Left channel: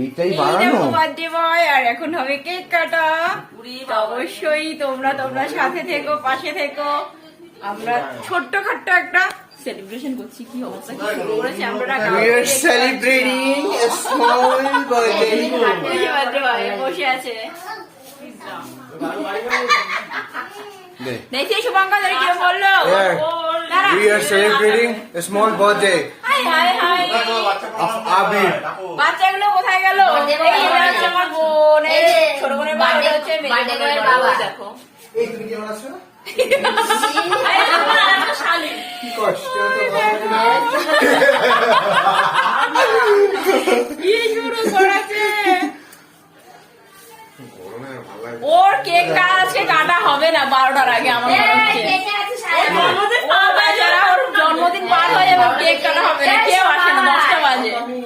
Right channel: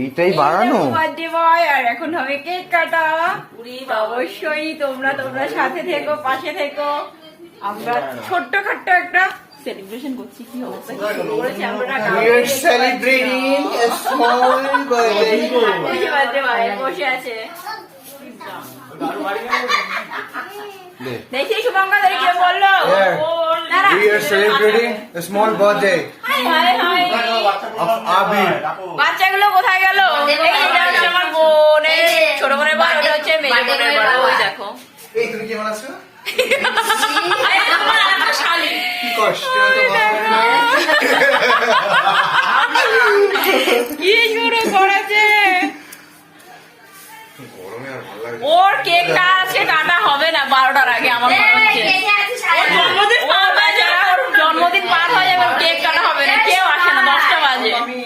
এইটাই বানানো birthday boy, আর এখন হবে কেক কাটা। অবশ্যই তোমরা সাথে থেকো, পাশে থেকো। আমরা ছোট্ট খাট্ট একটা সেলিব্রেশন করছি। কি অবস্থা, কি শুরু করেছি আমরা। বসে আছে দেখি শুভঙ্কর কে বললো We are celebrating a small birthday of Abir. বাচ্চাগুলো কোথায় গেল? এটা হচ্ছে আমার বোন, ছোট বোনের বোন, ওটা হচ্ছে মেয়ে বোনের বোন। ওই দেখো এই তুমি কি বানাচ্ছো? কি কষ্ট কি শুরু করেছে। গরমে আর ভালো লাগে ওর কেকটা আছে, কাটা হবে না 12টার আগে আমার মনে হচ্ছে। ওর জন্মদিন পার হয়ে যাবে, কেক কাটা হবে না। কেউ আসে না, 10টা বাজে।